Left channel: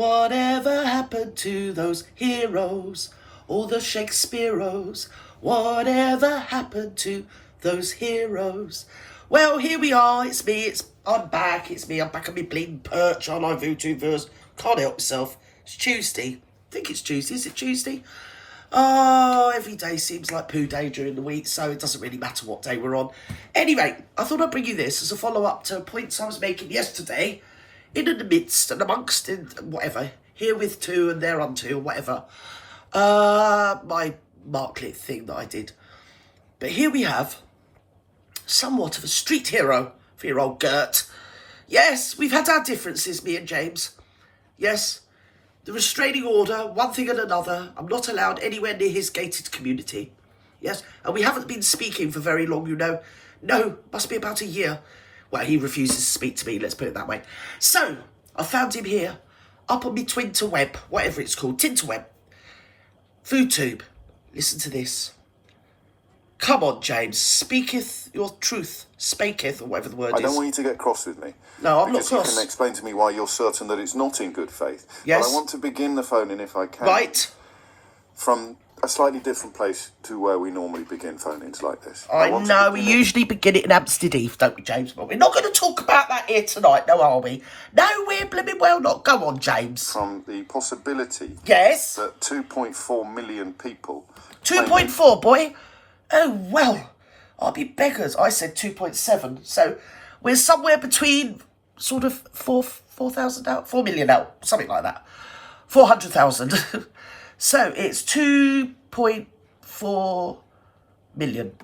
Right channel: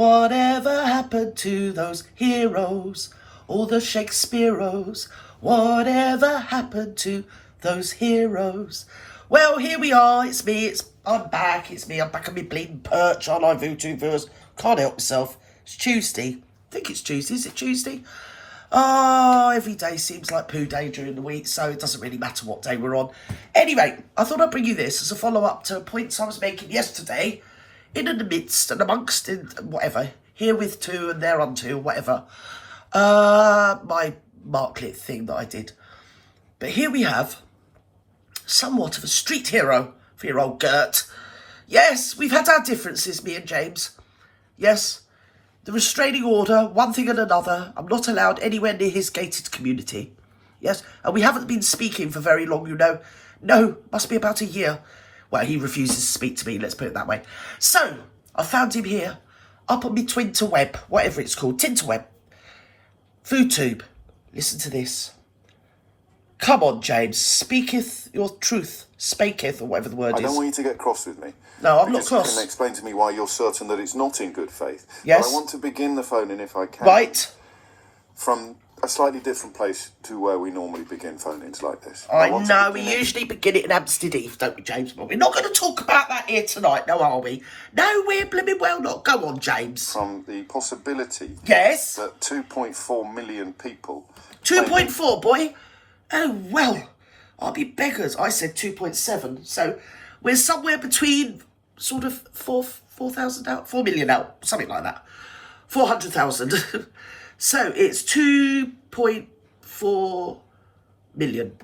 Whatever happened to those heroes, all the Shakespeareos? Whatever happened to those heroes? Well, here we are. It's me. I'm back. I'm back on my bleeding perch on my VTubers. Can't help myself. It's Tuesday. I think it's Tuesday. Is it Tuesday? Oh, every day seems like poo day during the week, so it doesn't really matter what day we're on. Anyway, I thought I'd bring you this as a follow-up to points I was making yesterday, in the midst and amongst and whatever, herewith to and thereunto, whatever. My Marklet thing that I did. But here we have somewhat of a street hero for your old GERT. Yes, we've had our differences, me and James. Yes, the restraining order, one thing and another. I'm not allowed anywhere near his gated community. Yes, and we haven't been speaking for very long, you know. No, must be about a year. Well, he refuses to speak to me, let's put it that way. So, I found him here, up on my Twinterweb, whatever it's called, Tinterweb. FoodTube. Listen to this. Come on, James. Speaketh your truth. Spaketh, or whatever the word is. I don't want you to get cross with me. No, I'm not cross. You can explain to me why you're certain that it's not in good faith. Yes. But I want to begin the phoning, if I can. Right. From a slightly different place to where we normally begin phone-ins like this. I know, we usually begin it in Hampstead Heath, don't we, James? But we're not going to talk about that here tonight, no, are we? No, we're blooming well not. Go on, James. From the possibility... Yes? ...that 2.4 million people... 2.4, boy? Oh, well, I'll be beggars. I said 2.7, so we're somewhere between sort of 4,000 out, 4 million out, something like that. 400,000. So it's 2.4 million.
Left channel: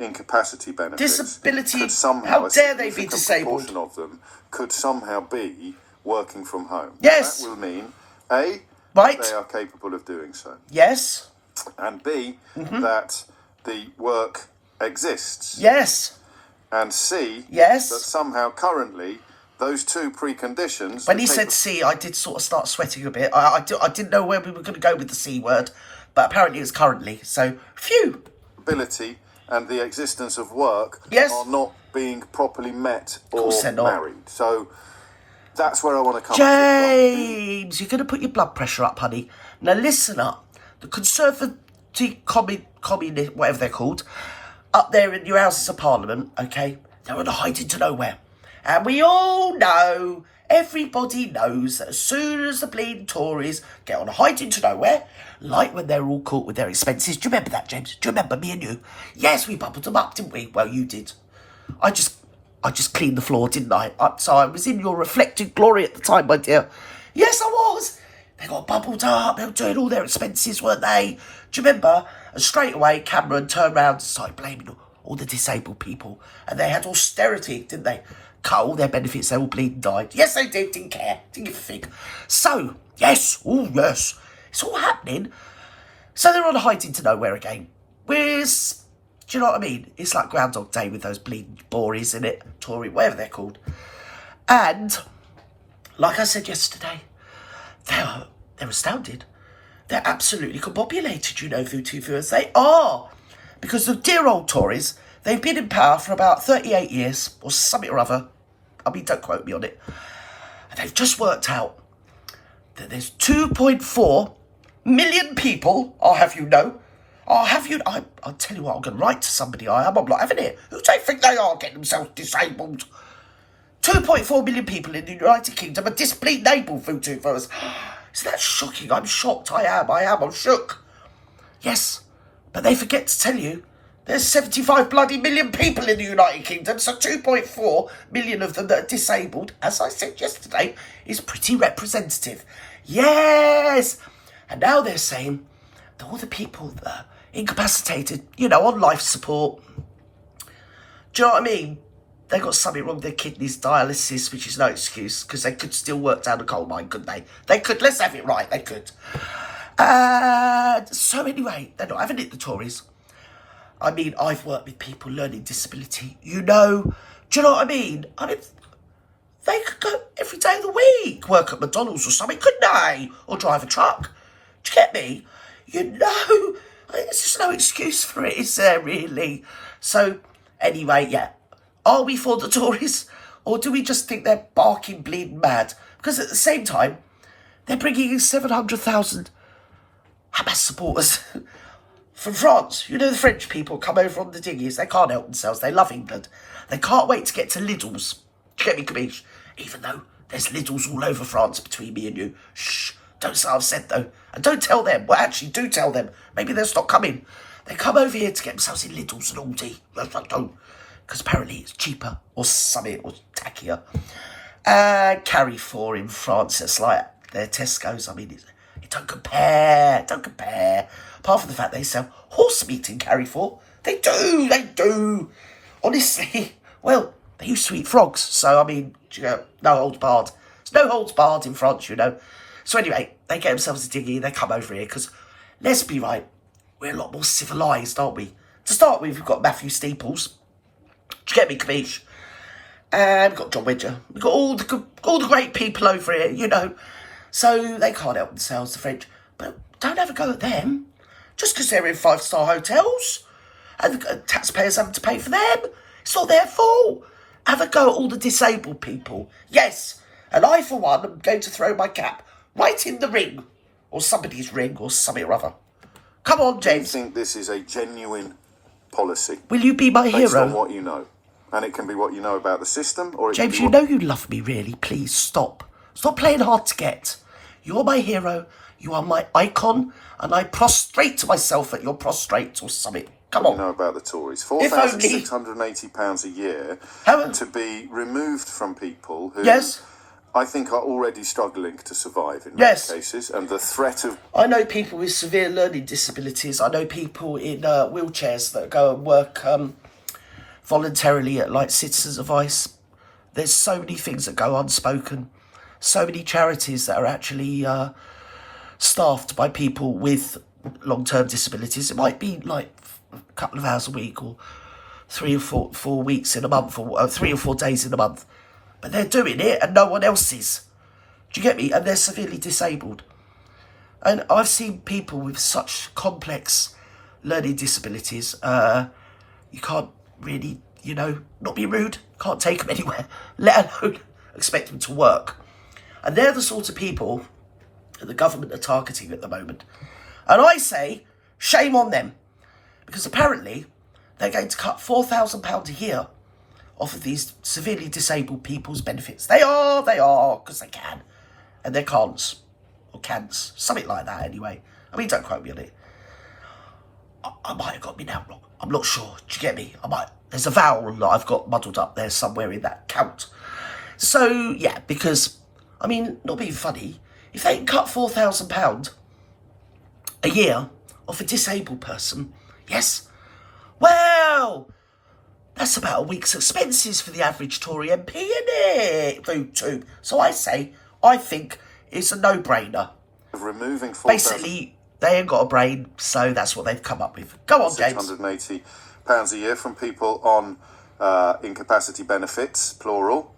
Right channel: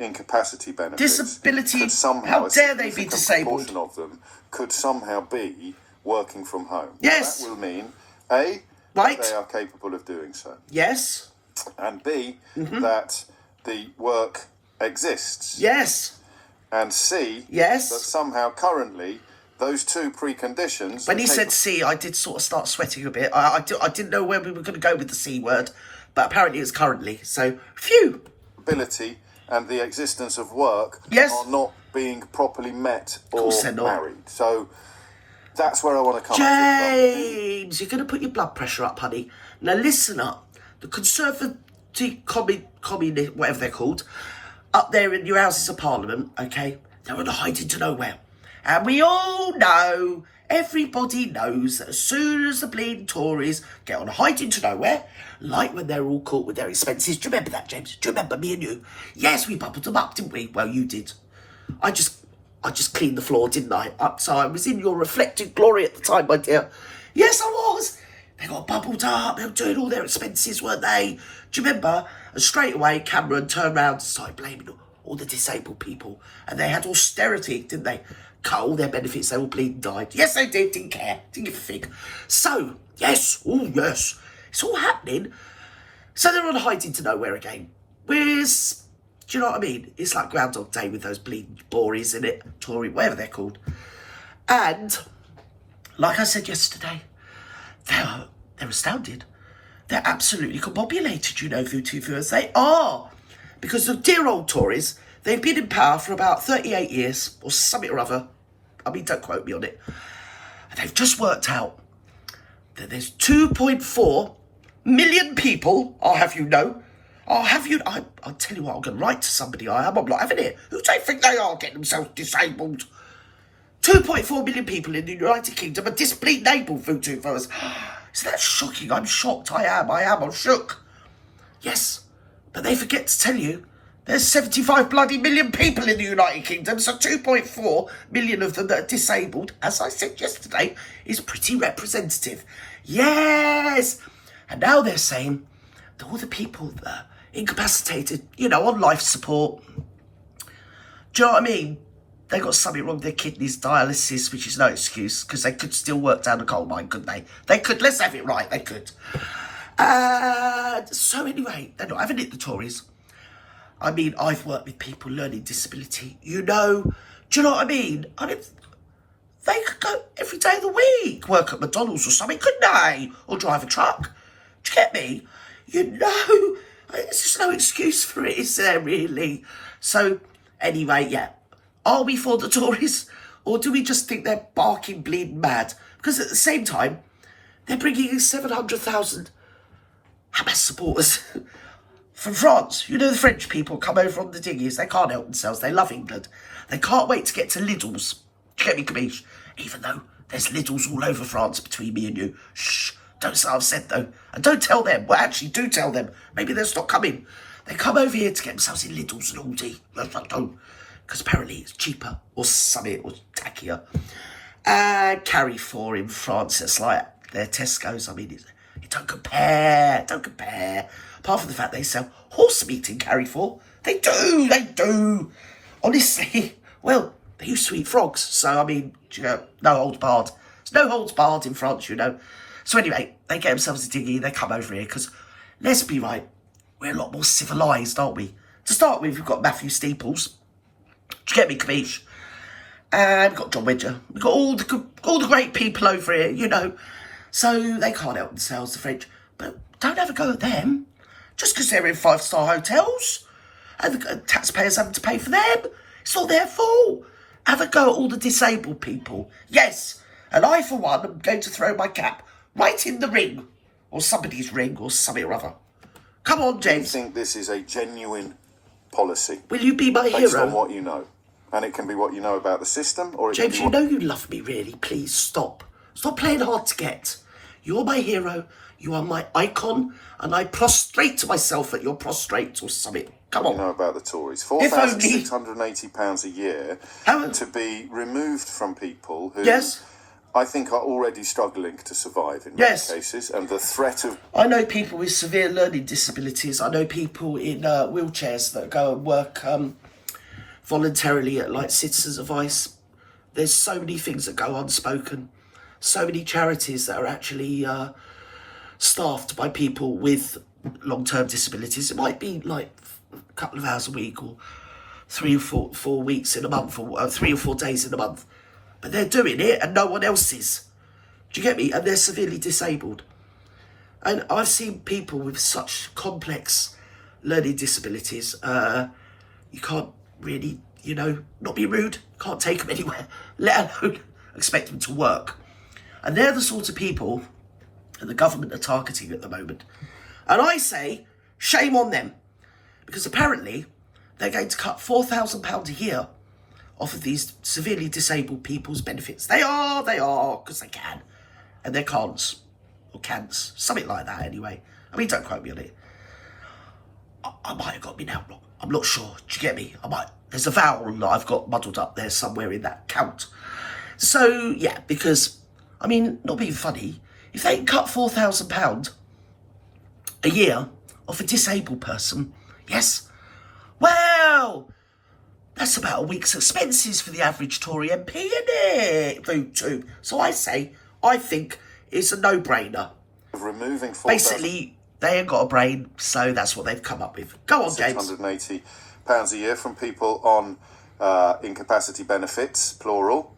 Incapacity benefits. Disability. Could somehow, how dare they be disabled? A proportion of them could somehow be working from home. Yes. That will mean, A, right, that they are capable of doing so. Yes. And B, that the work exists. Yes. And C, yes, that somehow currently those two preconditions... When he said C, I did sort of start sweating a bit. I didn't know where we were going to go with the C word, but apparently it's currently. So, phew. Ability and the existence of work yes, are not being properly met or married. So, that's where I want to come James, you're going to put your blood pressure up, honey. Now, listen up. The Conservative communist, whatever they're called, up there in your Houses of Parliament, okay, they're on a hiding to nowhere. And we all know, everybody knows, that as soon as the bleeding Tories get on a hiding to nowhere, like when they're all caught with their expenses. Do you remember that, James? Do you remember me and you? Yes, we bubbled them up, didn't we? Well, you did. I just cleaned the floor, didn't I? So I was in your reflected glory at the time, my dear. Yes, I was. They got bubbled up. They were doing all their expenses, weren't they? Do you remember? And straight away, Cameron turned around and started blaming all the disabled people. And they had austerity, didn't they? Cut all their benefits, they all bleeding died. Yes, they did, didn't care, didn't give a fig. So, yes, oh yes, it's all happening. So they're on a hiding to nowhere again. Whereas, do you know what I mean? It's like Groundhog Day with those bleeding Bories in it, Tory, whatever they're called. And, like I said yesterday, they're astounded. They're absolutely combobulated, you know, VTubers. They are. Because the dear old Tories, they've been in power for about 38 years, or something or other. I mean, don't quote me on it. And they've just worked out that there's 2.4 million people, I'll have you know. I'll tell you what, I'm going to write to somebody, I'm not having it. Who do they think they are getting themselves disabled? 2.4 million people in the United Kingdom are able VTubers. Isn't that shocking? I'm shocked, I'm shook. Yes, but they forget to tell you, there's 75 bloody million people in the United Kingdom, so 2.4 million of them that are disabled, as I said yesterday, is pretty representative. Yes! And now they're saying that all the people that are incapacitated, you know, on life support, do you know what I mean? They got something wrong with their kidneys, dialysis, which is no excuse, because they could still work down the coal mine, couldn't they? They could, let's have it right, they could. So anyway, they're not having it, the Tories. I mean, I've worked with people learning disability, you know. Do you know what I mean? They could go every day of the week, work at McDonald's or something, couldn't they? Or drive a truck. Do you get me? You know, there's just no excuse for it, is there, really? So, anyway, yeah. Are we for the Tories? Or do we just think they're barking bleeding mad? Because at the same time, They're bringing in 700,000 Hamas supporters from France. You know, the French people come over on the dinghies. They can't help themselves. They love England. They can't wait to get to Lidl's. Do you get me, Capiche? Even though there's Lidl's all over France between me and you. Shh. Don't say I've said, though. And don't tell them. Well, actually, do tell them. Maybe they'll stop coming. They come over here to get themselves in Lidl's and Aldi. Don't. Because apparently it's cheaper or something or tackier. Carrefour in France, it's like their Tesco's. I mean, it don't compare. Don't compare. Apart from the fact they sell horse meat in Carrefour. They do. Honestly, well, they used to eat frogs. So, I mean, you know, no holds barred. There's no holds barred in France, you know. So anyway, they get themselves a dinghy, they come over here, because, let's be right, we're a lot more civilised, aren't we? To start with, we've got Matthew Steeples. Do you get me, Capiche? And we've got John Wedger. We've got all the great people over here, you know. So they can't help themselves, the French. But don't have a go at them. Just because they're in 5-star hotels and the taxpayers having to pay for them. It's not their fault. Have a go at all the disabled people. Yes, and I, for one, am going to throw my cap right in the ring, or somebody's ring, or something or other. Come on, James. Do you think this is a genuine policy? Will you be my based hero? on what you know? And it can be what you know about the system, or it James, can be you know you love me, really. Please, stop. Stop playing hard to get. You're my hero. You are my icon. And I prostrate myself at your prostrate or something. Come on. You know about the Tories. If only. £4,680 a year to be removed from people who... Yes. I think are already struggling to survive in many cases, and the threat of... I know people with severe learning disabilities. I know people in wheelchairs that go and work voluntarily at, like, Citizens Advice. There's so many things that go unspoken. So many charities that are actually staffed by people with long-term disabilities. It might be, like, a couple of hours a week, or 3 or 4 weeks in a month, or 3 or 4 days in a month. But they're doing it and no one else is. Do you get me? And they're severely disabled. And I've seen people with such complex learning disabilities. You can't really, you know, not be rude. Can't take them anywhere. Let alone expect them to work. And they're the sort of people that the government are targeting at the moment. And I say, shame on them. Because apparently they're going to cut £4,000 a year off of these severely disabled people's benefits. They are, because they can. And they're can'ts. Or can'ts. Something like that, anyway. I mean, don't quote me on it. I might have got me now wrong. I'm not sure. Do you get me? There's a vowel that I've got muddled up there somewhere in that count. So, yeah, because, I mean, not being funny, if they can cut £4,000 a year off a disabled person, yes, well... that's about a week's expenses for the average Tory MP, innit? Food tube. So I think it's a no-brainer. Removing Basically, they ain't got a brain, so that's what they've come up with. Go on, James. £680 a year from people on incapacity benefits, plural,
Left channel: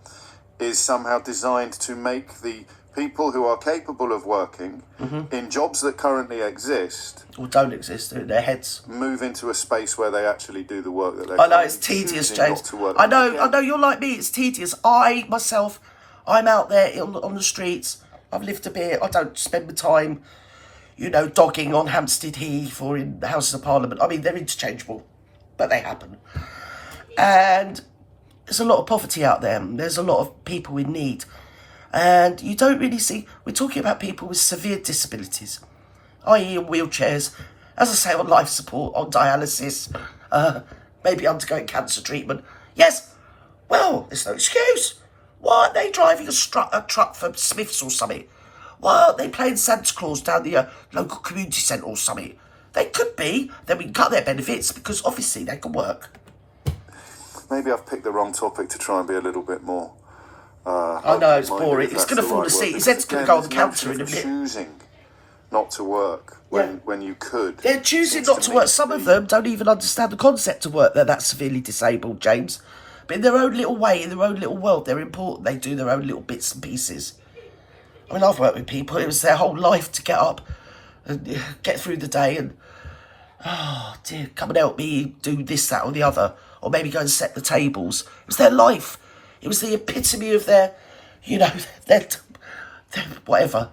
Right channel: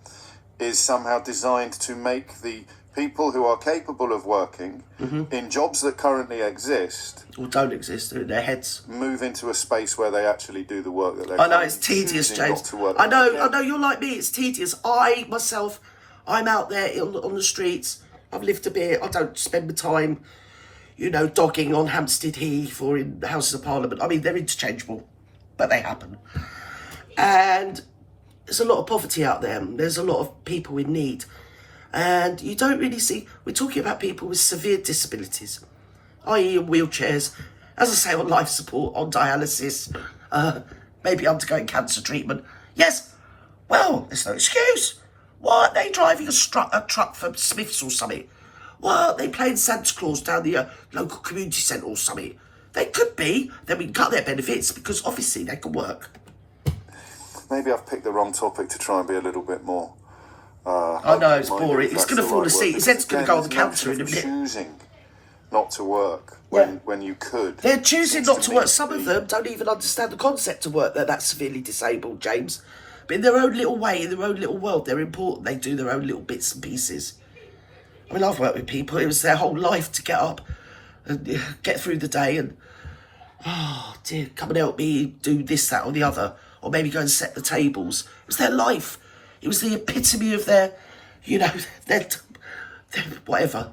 is somehow designed to make the people who are capable of working in jobs that currently exist or don't exist, they're in their heads, move into a space where they actually do the work that they're I know, it's tedious, James. I know, you're like me, it's tedious. I'm out there on the streets. I've lived a bit. I don't spend my time, you know, dogging on Hampstead Heath or in the Houses of Parliament. I mean, they're interchangeable, but they happen. And there's a lot of poverty out there. There's a lot of people in need. And you don't really see... We're talking about people with severe disabilities, i.e. in wheelchairs, as I say, on life support, on dialysis, maybe undergoing cancer treatment. Yes, well, there's no excuse. Why aren't they driving a truck for Smiths or something? Why aren't they playing Santa Claus down the local community centre or something? They could be. Then we can cut their benefits because obviously they can work. Maybe I've picked the wrong topic to try and be a little bit more... I know, it's boring. It's going to fall asleep. He said it's going to go on the counter in a minute. Choosing not to work when you could. They're choosing not to work. Some of them don't even understand the concept of work. They're that severely disabled, James. But in their own little way, in their own little world, they're important. They do their own little bits and pieces. I mean, I've worked with people. It was their whole life to get up and get through the day and, oh, dear, come and help me do this, that or the other. Or maybe go and set the tables. It was their life. It was the epitome of their, you know, their whatever.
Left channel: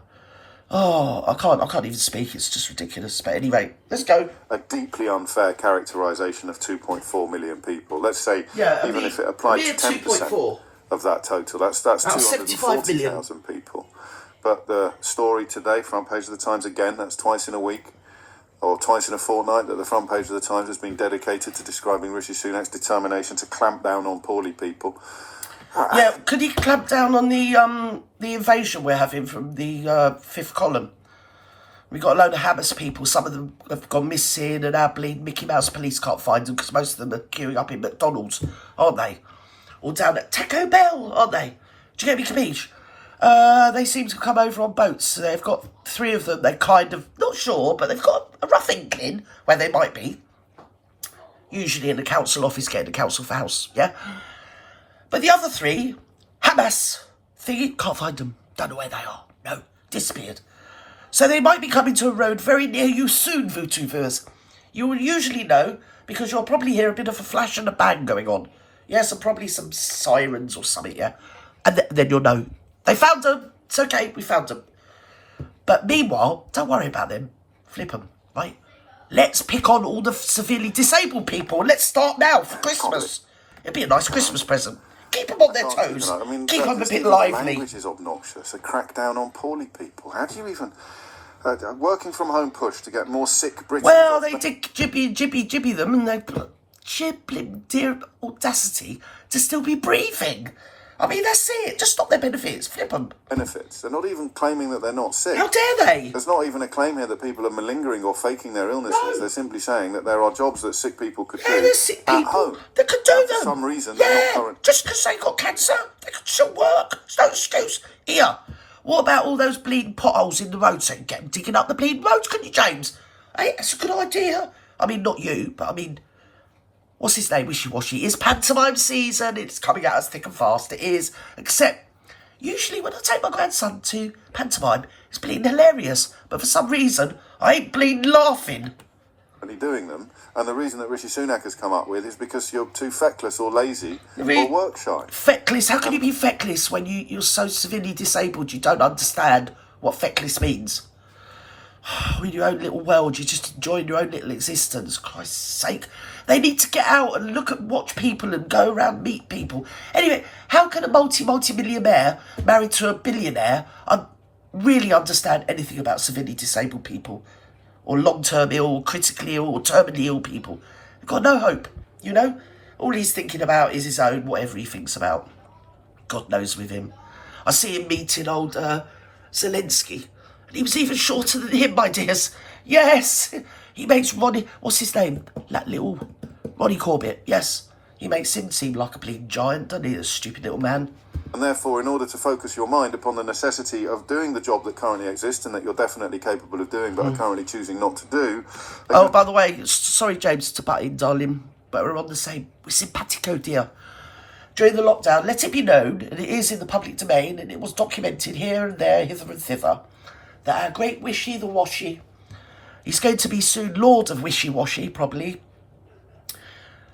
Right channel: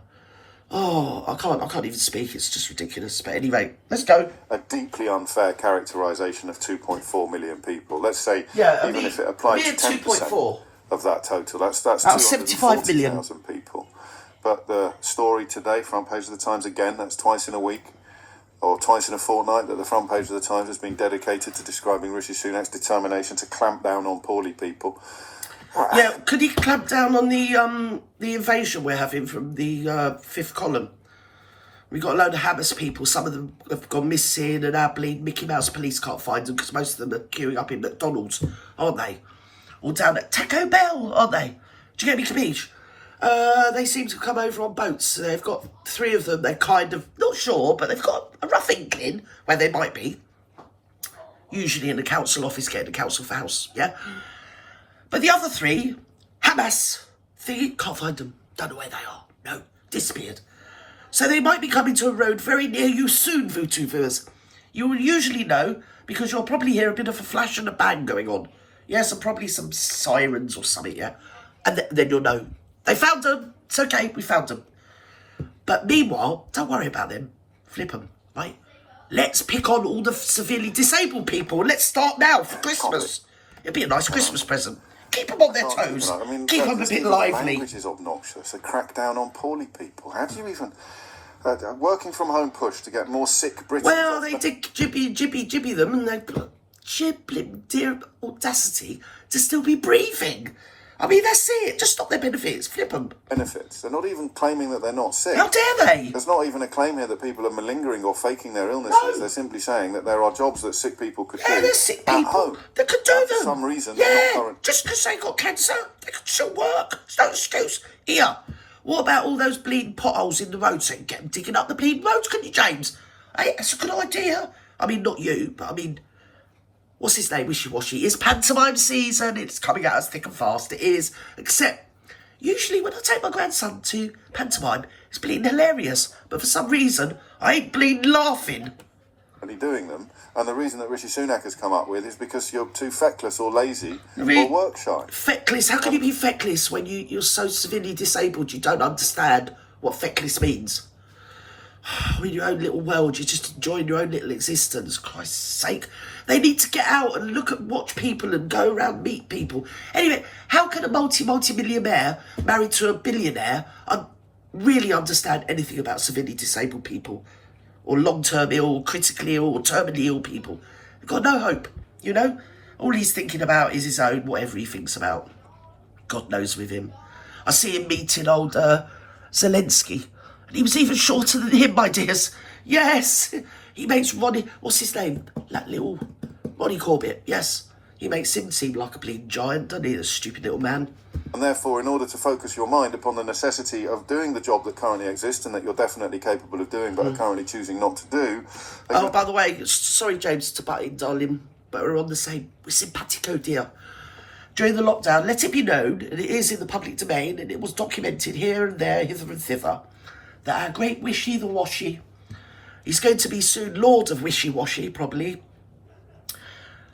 Oh, I can't even speak. It's just ridiculous. But anyway, let's go. A deeply unfair characterisation of 2.4 million people. Let's say, even if it applied to 10% of that total, that's 240,000 people. But the story today, front page of the Times again, that's twice in a week, or twice in a fortnight, that the front page of the Times has been dedicated to describing Rishi Sunak's determination to clamp down on poorly people. Yeah, could he clamp down on the invasion we're having from the fifth column? We got a load of Hamas people. Some of them have gone missing, and our bleed Mickey Mouse police can't find them because most of them are queuing up in McDonald's, aren't they? Or down at Taco Bell, aren't they? Do you get me, Capiche? They seem to come over on boats. They've got 3 of them. They're kind of not sure, but they've got a rough inkling where they might be. Usually in the council office, getting the council for house, yeah? But the other 3, Hamas, thingy, can't find them. Don't know where they are. No, disappeared. So they might be coming to a road very near you soon, Vutu viewers. You will usually know because you'll probably hear a bit of a flash and a bang going on. Yes, and probably some sirens or something, yeah? And then you'll know. They found them. It's okay, we found them. But meanwhile, don't worry about them. Flip them, right? Let's pick on all the severely disabled people. Let's start now for Christmas. It'd be a nice Christmas present. Keep them on their toes. Keep them a bit lively. Language is obnoxious. A crackdown on poorly people. How do you even... working from home push to get more sick Britons... Well, they did jibby them, and they put dear audacity to still be breathing. I mean, that's it. Just stop their benefits. Flip them. Benefits. They're not even claiming that they're not sick. How dare they? There's not even a claim here that people are malingering or faking their illnesses. No. They're simply saying that there are jobs that sick people could do sick people at home. That could do them. For some reason, they're not current. Just because they got cancer, they could still work. It's no excuse. Here, what about all those bleeding potholes in the road? So you get them digging up the bleeding roads, couldn't you, James? Hey, that's a good idea. I mean, not you, but I mean... What's his name? Wishy-washy. It's pantomime season. It's coming at us thick and fast. It is. Except, usually when I take my grandson to pantomime, it's bleeding hilarious. But for some reason, I ain't bleeding laughing. Doing them. And the reason that Rishi Sunak has come up with is because you're too feckless or lazy or work shy. Feckless? How can you be feckless when you're so severely disabled you don't understand what feckless means? In your own little world, you're just enjoying your own little existence. Christ's sake. They need to get out and watch people and go around meet people. Anyway, how can a multi-millionaire married to a billionaire really understand anything about severely disabled people? Or long-term ill, critically ill, or terminally ill people? They've got no hope, you know? All he's thinking about is his own, whatever he thinks about. God knows with him. I see him meeting old Zelensky. And he was even shorter than him, my dears. Yes, he makes Ronnie... What's his name? That little... Ronnie Corbett, yes. He makes him seem like a bleeding giant, doesn't he? A stupid little man. And therefore, in order to focus your mind upon the necessity of doing the job that currently exists and that you're definitely capable of doing but are currently choosing not to do... Oh, by the way, sorry, James, to butt in, darling, but we're on the same... We're simpatico, dear. During the lockdown, let it be known, and it is in the public domain, and it was documented here and there, hither and thither, that our great Wishy the Washy, he's going to be soon Lord of Wishy-Washy, probably,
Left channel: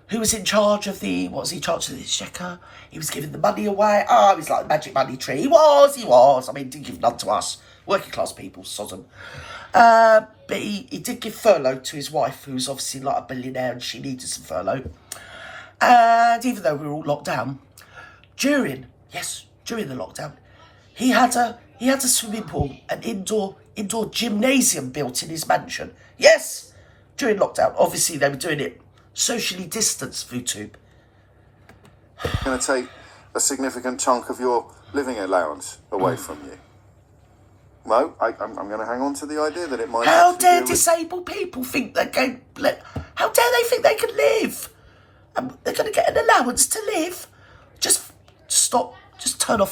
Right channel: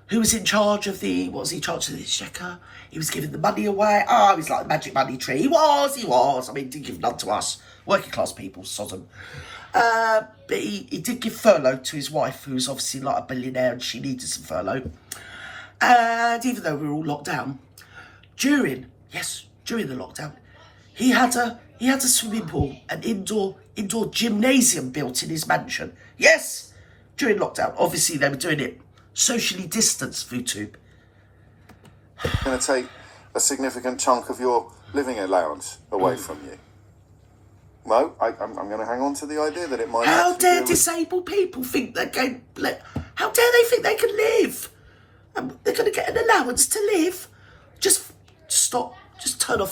who was in charge of the... What was he in charge of the exchequer? He was giving the money away. Oh, he was like a magic money tree. He was. I mean, he didn't give none to us. Working class people, Sodom. But he did give furlough to his wife, who's obviously like a billionaire, and she needed some furlough. And even though we were all locked down, during the lockdown, he had a swimming pool, an indoor gymnasium built in his mansion. Yes, during lockdown. Obviously, they were doing it socially distanced, YouTube. Going to take a significant chunk of your living allowance away from you. No, I'm going to hang on to the idea that it might... How dare disabled people think they can... How dare they think they can live? They're going to get an allowance to live. Just stop. Just turn it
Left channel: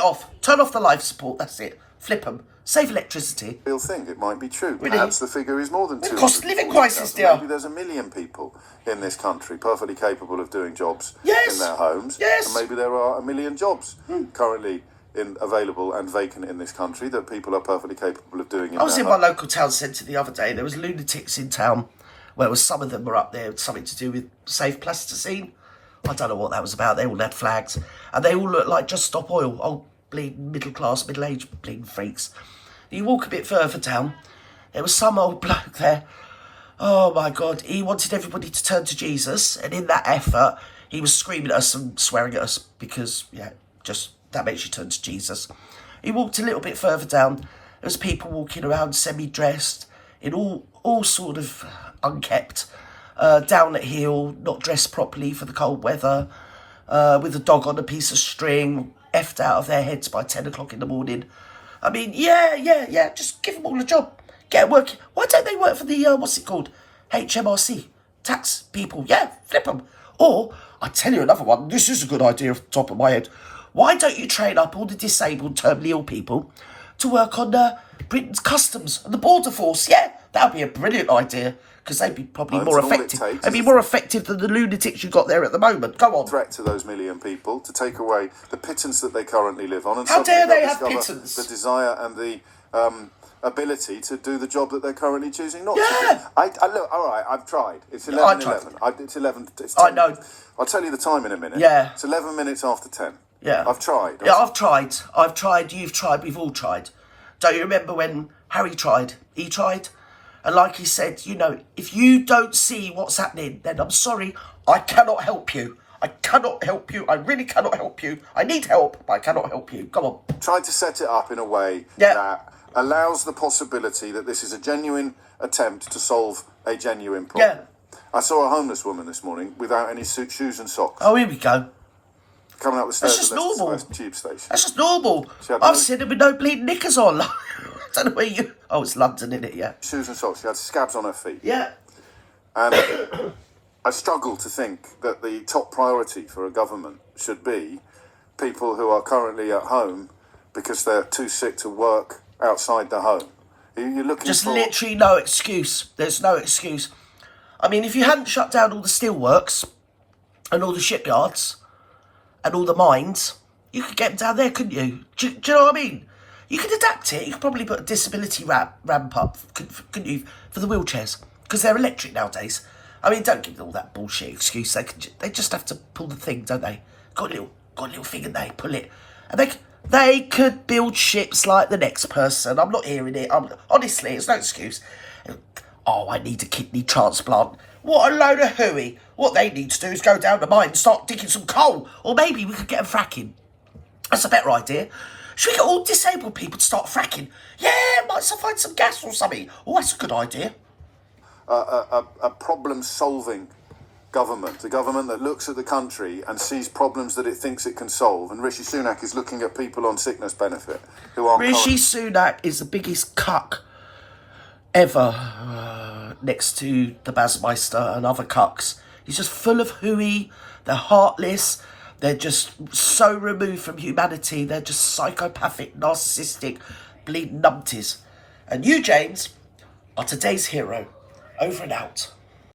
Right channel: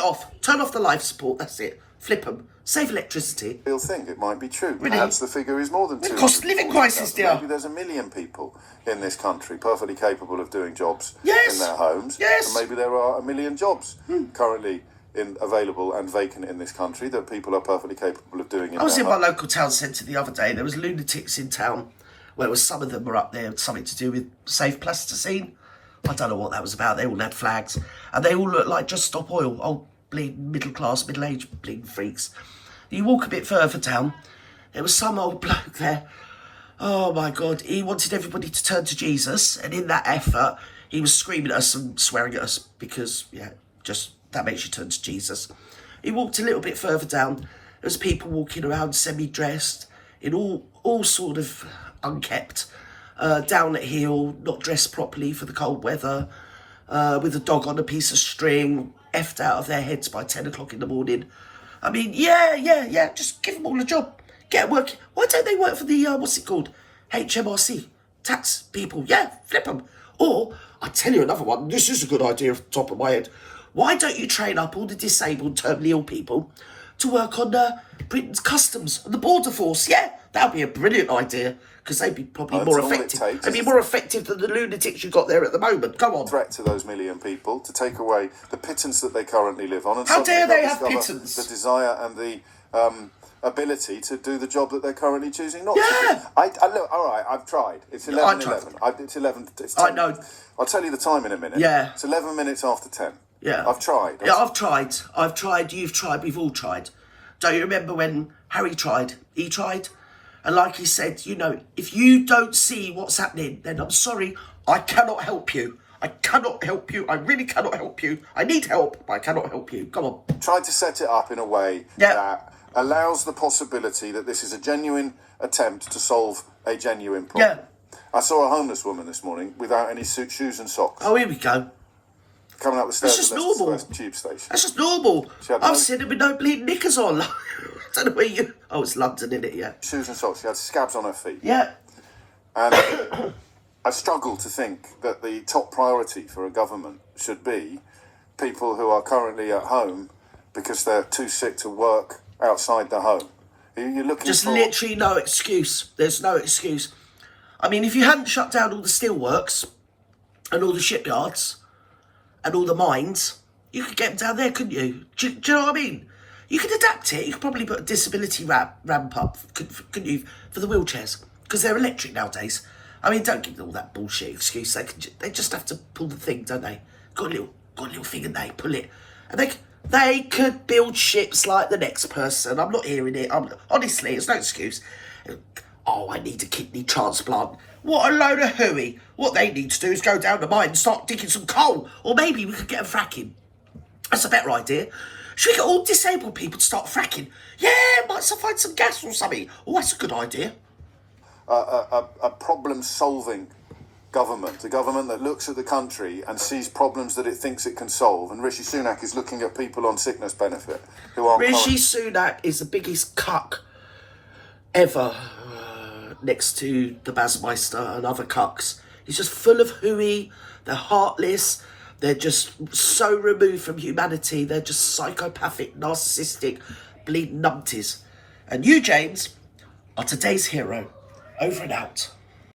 off. Turn off the life support. That's it. Flip them. Save electricity. You'll think it might be true. Really? Perhaps the figure is more than 200. Cost of living crisis, dear. Maybe there's 1 million people in this country perfectly capable of doing jobs in their homes. Yes. And maybe there are 1 million jobs currently available and vacant in this country that people are perfectly capable of doing. I was in my local town centre the other day. There was lunatics in town. Where some of them were up there, something to do with safe plasticine. I don't know what that was about. They all had flags. And they all looked like Just Stop Oil. Old bleeding middle-class, middle-aged bleeding freaks. You walk a bit further down, there was some old bloke there. Oh my God, he wanted everybody to turn to Jesus, and in that effort, he was screaming at us and swearing at us because, yeah, just that makes you turn to Jesus. He walked a little bit further down. There was people walking around semi-dressed, in all sort of unkept, down at heel, not dressed properly for the cold weather, with a dog on a piece of string, effed out of their heads by 10 o'clock in the morning. I mean, yeah, just give them all a job. Get working. Why don't they work for the, what's it called? HMRC. Tax people. Yeah, flip them. Or, I tell you another one. This is a good idea off the top of my head. Why don't you train up all the disabled, terminally ill people to work on Britain's customs and the border force? Yeah, that would be a brilliant idea. Because they'd be probably more effective. They'd be more effective than the lunatics you've got there at the moment. Go on. Threat to those million people to take away the pittance that they currently live on. And how dare they have pittance? The desire and the ability to do the job that they're currently choosing not to do. I look, all right, I've tried. It's 11:11. It's 11. It's 10. I know. I'll tell you the time in a minute. Yeah. It's 11 minutes after 10. Yeah. I've tried. Yeah, I've tried. You've tried. We've all tried. Don't you remember when Harry tried? He tried. And like he said, you know, if you don't see what's happening, then I'm sorry, I cannot help you. I cannot help you. I really cannot help you. I need help, but I cannot help you. Come on. Tried to set it up in a way that allows the possibility that this is a genuine attempt to solve a genuine problem. Yeah. I saw a homeless woman this morning without any shoes and socks. Oh, here we go. Coming up the stairs That's at just Leicester normal. Square tube station. That's just normal. I've seen it with no bleeding knickers on. I don't know where you... Oh, it's London, isn't it? Yeah. Shoes and socks. She had scabs on her feet. Yeah. And I struggle to think that the top priority for a government should be people who are currently at home because they're too sick to work outside the home. You're looking just for... literally no excuse. There's no excuse. I mean, if you hadn't shut down all the steelworks and all the shipyards and all the mines, you could get down there, couldn't you? Do you know what I mean? You could adapt it. You could probably put a disability ramp up, couldn't you, for the wheelchairs? Because they're electric nowadays. I mean, don't give them all that bullshit excuse. They just have to pull the thing, don't they? Got a little thing and they pull it. And they could build ships like the next person. I'm not hearing it. Honestly, it's no excuse. Oh, I need a kidney transplant. What a load of hooey. What they need to do is go down the mine and start digging some coal. Or maybe we could get them fracking. That's a better idea. Should we get all disabled people to start fracking? Yeah, might find some gas or something. Oh, that's a good idea. A problem-solving government, a government that looks at the country and sees problems that it thinks it can solve. And Rishi Sunak is looking at people on sickness benefit who aren't... Rishi Sunak is the biggest cuck ever, next to the Basmeister and other cucks. He's just full of hooey. They're heartless. They're just so removed from humanity. They're just psychopathic, narcissistic, bleeding numpties. And you, James, are today's hero. Over and out.